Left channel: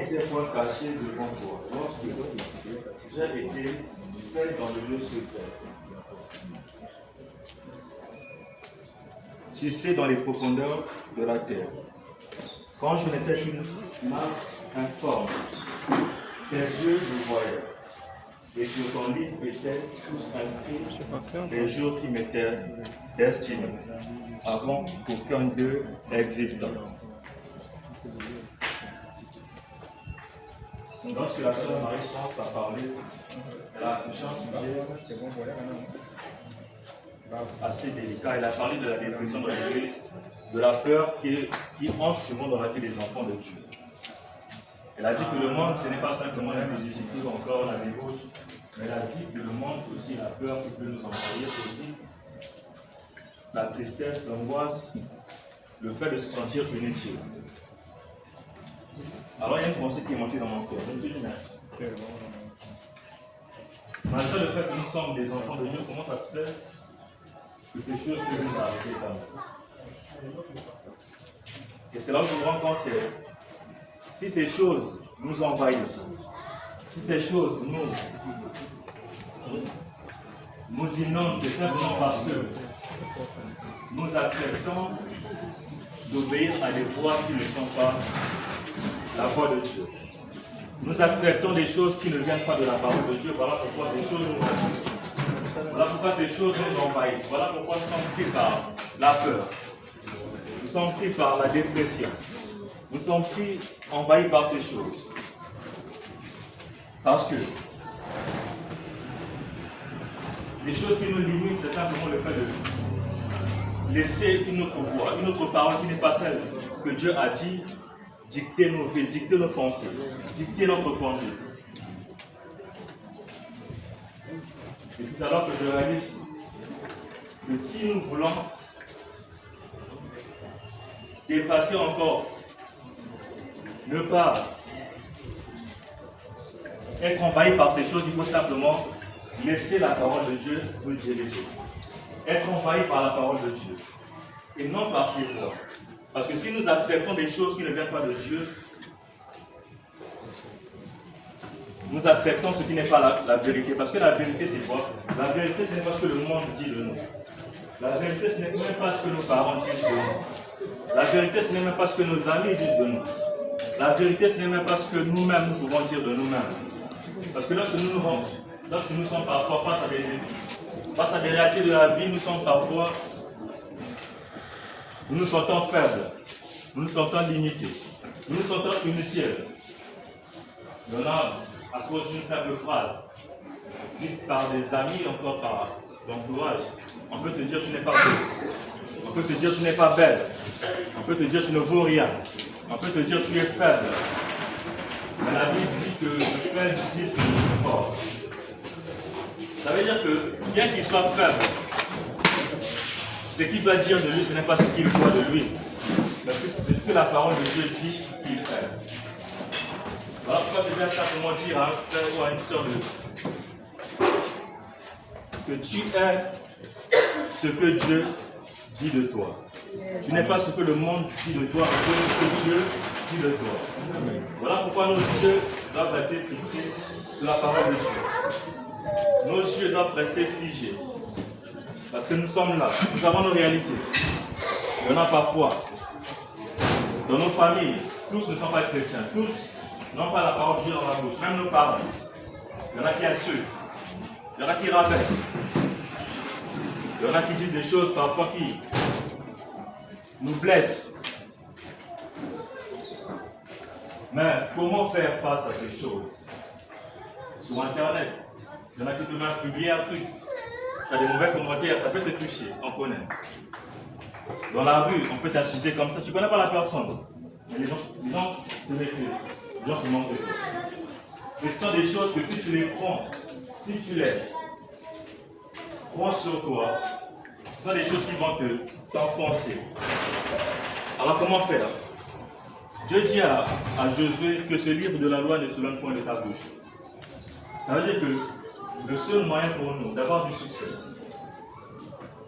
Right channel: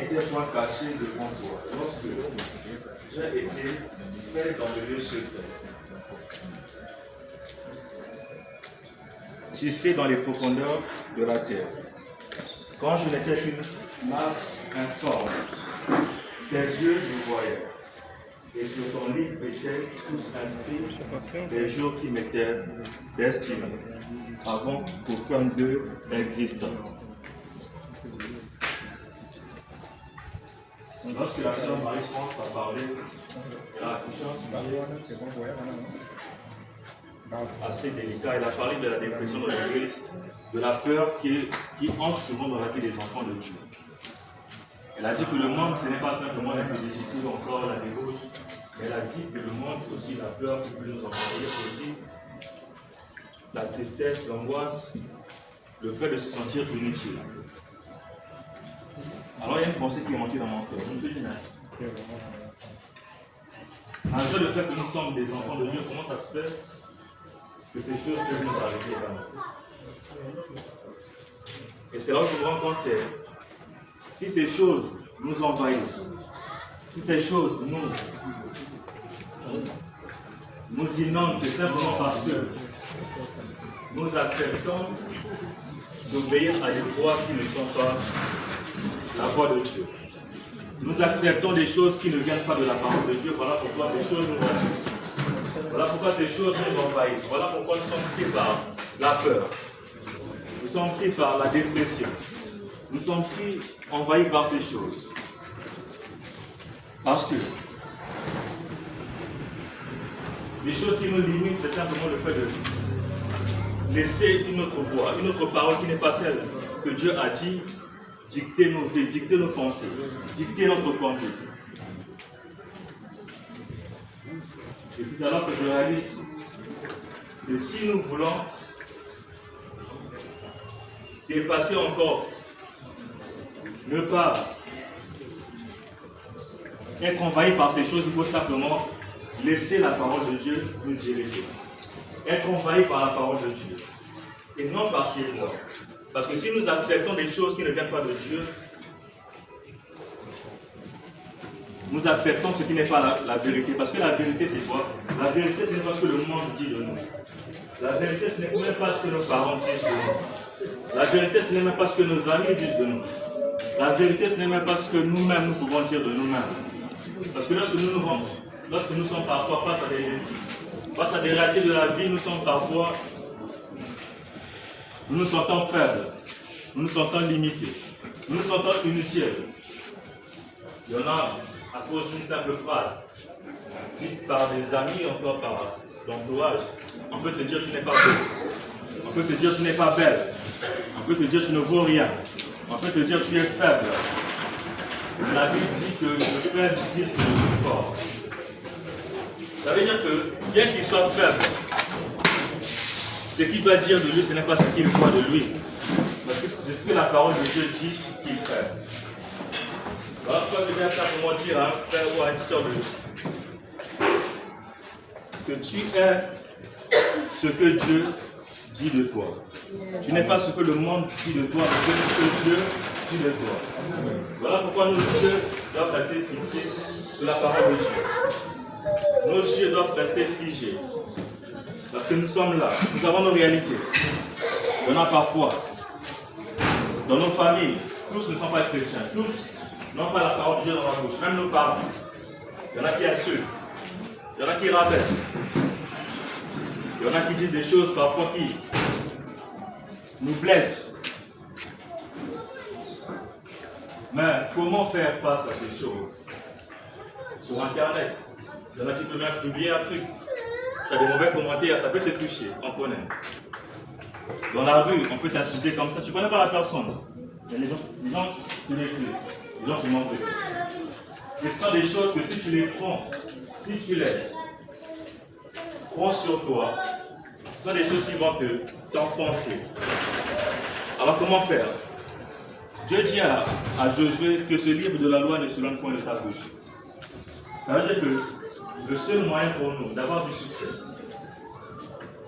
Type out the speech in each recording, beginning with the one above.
n'était point caché devant toi lorsque j'ai été fait dans le lieu secret. Tu sais dans les profondeurs de la terre. Quand je n'étais qu'une masse informe, tes yeux me voyaient. Et sur ton livre étaient tous inscrits des jours qui m'étaient destinés, avant qu'aucun d'eux n'existe. Lorsque la sœur Marie-France a parlé, elle a touché un sujet assez délicat. Elle a parlé de la dépression dans l'église, de la peur qui entre souvent dans la vie des enfants de Dieu. Elle a dit que le monde, ce n'est pas simplement la félicité ou encore la débauche, mais elle a dit que le monde, c'est aussi la peur qui peut nous envahir, c'est aussi la tristesse, l'angoisse, le fait de se sentir inutile. Alors il y a une pensée qui est montée dans mon cœur. Je me suis dit, malgré le fait que nous sommes des enfants de Dieu, comment ça se fait que ces choses peuvent nous arrêter vraiment? Et c'est là où je me rends compte, c'est si ces choses nous envahissent, si ces choses nous inondent, c'est simplement parce que nous acceptons d'obéir à des voies qui ne sont pas la voie de Dieu. Nous acceptons des choses qui ne viennent pas de la parole de Dieu. Voilà pourquoi ces choses nous envahissent. Voilà pourquoi ces choses nous envahissent. Voilà pourquoi nous sommes pris par la peur. Nous sommes pris par la dépression. Nous sommes pris, envahis par ces choses. Parce que les choses qui nous limitent, c'est simplement le fait de laisser une autre voix, une autre parole qui n'est pas celle que Dieu a dit, dicter nos vies, dicter nos pensées, dicter notre conduite. Et c'est alors que je réalise que si nous voulons dépasser encore, ne pas être envahi par ces choses, il faut simplement laisser la parole de Dieu nous diriger. Être envahi par la parole de Dieu et non par ses voix. Parce que si nous acceptons des choses qui ne viennent pas de Dieu, nous acceptons ce qui n'est pas la vérité. Parce que la vérité, c'est quoi? La vérité, ce n'est pas ce que le monde dit de nous. La vérité, ce n'est même pas ce que nos parents disent de nous. La vérité, ce n'est même pas ce que nos amis disent de nous. La vérité, ce n'est même pas ce que nous-mêmes nous pouvons dire de nous-mêmes. Parce que lorsque nous sommes parfois face à des défis, face à des réalités de la vie, nous sommes parfois, nous nous sentons faibles, nous nous sentons limités, nous nous sentons inutiles. Il y en a à cause d'une simple phrase, dite par des amis, encore par l'entourage. On peut te dire tu n'es pas beau, on peut te dire tu n'es pas belle, on peut te dire tu ne vaux rien, on peut te dire tu es faible. Mais la Bible dit que le faible dit que je suis fort. Ça veut dire que, bien qu'il soit faible, ce qu'il doit dire de lui, ce n'est pas ce qu'il voit de lui. Parce que c'est ce que la parole de Dieu dit qu'il fait. Voilà pourquoi je viens simplement dire à un frère ou à une soeur que tu es ce que Dieu dit de toi. Tu n'es pas ce que le monde dit de toi, mais ce que Dieu dit de toi. Amen. Voilà pourquoi nos yeux doivent rester fixés sur la parole de Dieu. Nos yeux doivent rester figés. Parce que nous sommes là, nous avons nos réalités. Il y en a parfois, dans nos familles, tous ne sont pas chrétiens, tous n'ont pas la parole de Dieu dans la bouche, même nos parents. Il y en a qui insultent, il y en a qui rabaissent, il y en a qui disent des choses parfois qui nous blessent. Mais comment faire face à ces choses? Sur Internet, il y en a qui peuvent même publier un truc. Ça a des mauvais commentaires, ça peut te toucher, on connaît. Dans la rue, on peut t'insulter comme ça, tu ne connais pas la personne. Mais les gens te méprisent, les gens se montrent. Et ce sont des choses que si tu les prends, si tu les prends sur toi, ce sont des choses qui vont t'enfoncer. Alors comment faire? Dieu dit à Josué que ce livre de la loi ne se donne point de ta bouche. Ça veut dire que le seul moyen pour nous d'avoir du succès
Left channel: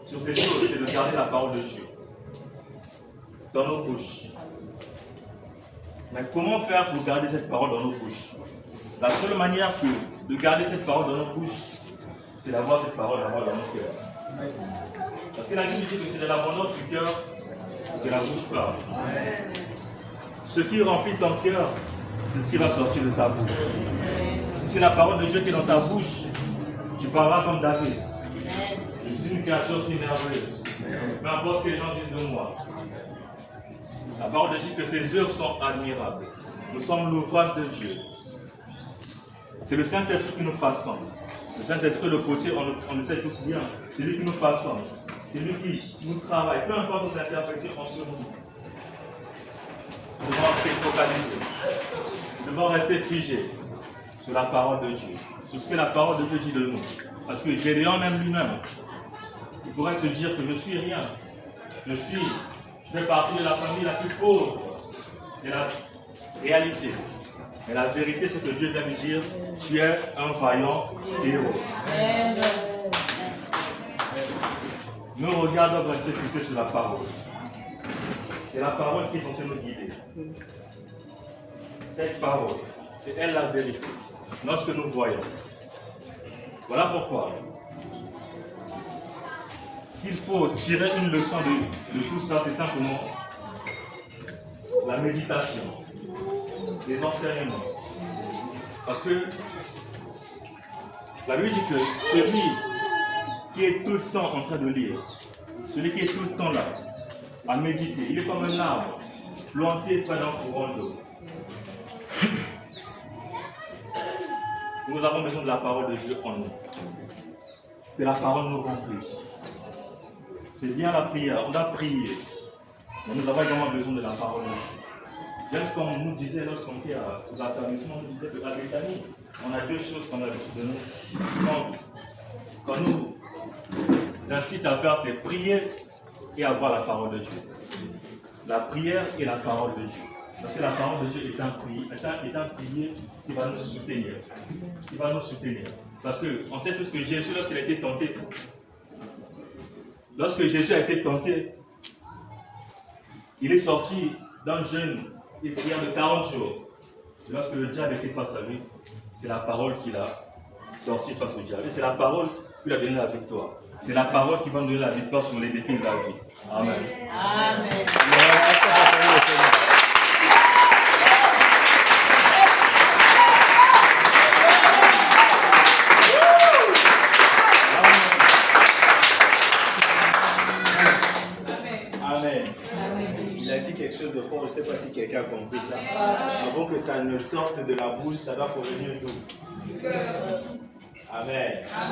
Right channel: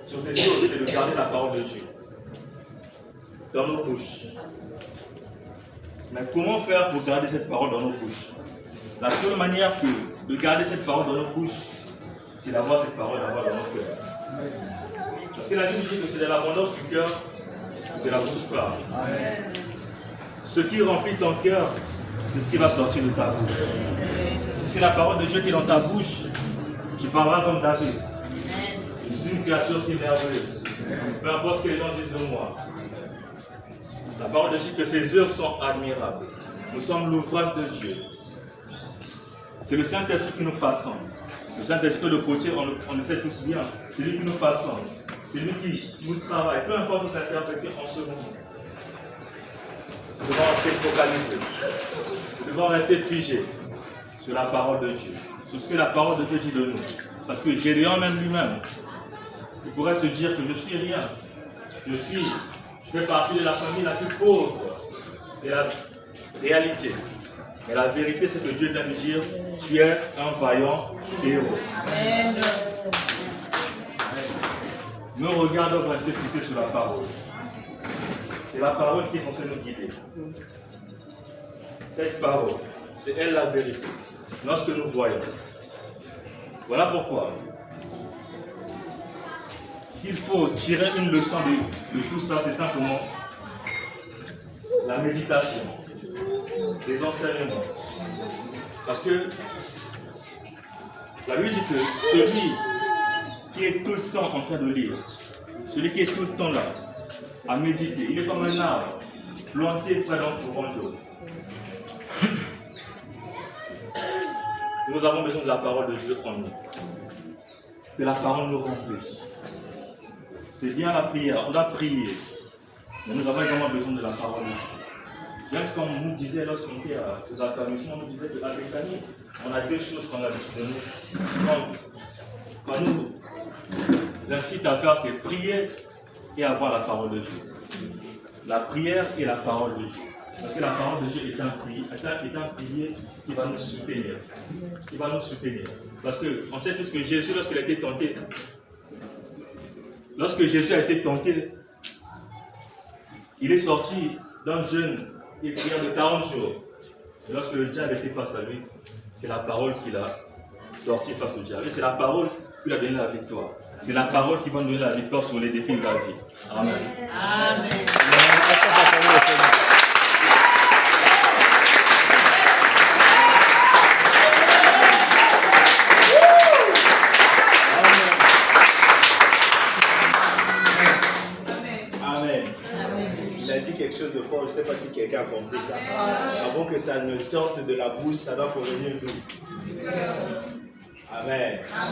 sur ces choses, c'est de garder la parole de Dieu dans nos bouches. Mais comment faire pour garder cette parole dans nos bouches? La seule manière de garder cette parole dans nos bouches, c'est d'avoir cette parole dans nos cœurs. Parce que la Bible dit que c'est de l'abondance du cœur que la bouche parle. Ce qui remplit ton cœur, c'est ce qui va sortir de ta bouche. Si c'est la parole de Dieu qui est dans ta bouche, tu parleras comme David. Je suis une créature si merveilleuse. Peu importe ce que les gens disent de moi. La parole de Dieu dit que ses œuvres sont admirables. Nous sommes l'ouvrage de Dieu. C'est le Saint-Esprit qui nous façonne. Le Saint-Esprit de côté, on le sait tous bien. C'est lui qui nous façonne. C'est lui qui nous travaille. Peu importe nos imperfections en ce moment. Nous devons rester focalisés. Nous devons rester figés sur la parole de Dieu. Sur ce que la parole de Dieu dit de nous. Parce que Gédéon même lui-même, il pourrait se dire que je suis rien. Je fais partie de la famille la plus pauvre. C'est la réalité. Mais la vérité, c'est que Dieu vient me dire, tu es un vaillant héros. Amen. Nos regards doivent rester fixés sur la parole. C'est la parole qui est censée nous guider. Cette parole, c'est elle la vérité. Lorsque nous voyons. Voilà pourquoi. S'il faut tirer une leçon de tout ça, c'est simplement la méditation, les enseignements. Parce que la Bible dit que celui qui est tout le temps en train de lire, celui qui est tout le temps là, à méditer, il est comme un arbre planté près d'un courant d'eau. Nous avons besoin de la parole de Dieu en nous. Que la parole nous remplisse. C'est bien la prière, on doit prier. Mais nous avons également besoin de la parole de Dieu. J'aime ce qu'on nous disait lorsqu'on était aux affermissements, on nous disait qu'à Bethanie, on a deux choses qu'on a besoin de nous. Quand nous incite à faire, c'est prier et avoir la parole de Dieu. La prière et la parole de Dieu. Parce que la parole de Dieu est un pilier qui va nous soutenir. Qui va nous soutenir. Parce qu'on sait tous que Jésus, lorsqu'il a été tenté, il est sorti d'un jeûne et prière de 40 jours. Et lorsque le diable était face à lui, c'est la parole qu'il a sorti face au diable. Et c'est la parole qui lui a donné la victoire. C'est la parole qui va nous donner la victoire sur les défis de la vie. Amen. Amen. Quelque chose de fort, je ne sais pas si quelqu'un a compris ça. Avant que ça ne sorte de la bouche, ça doit provenir d'où? Amen.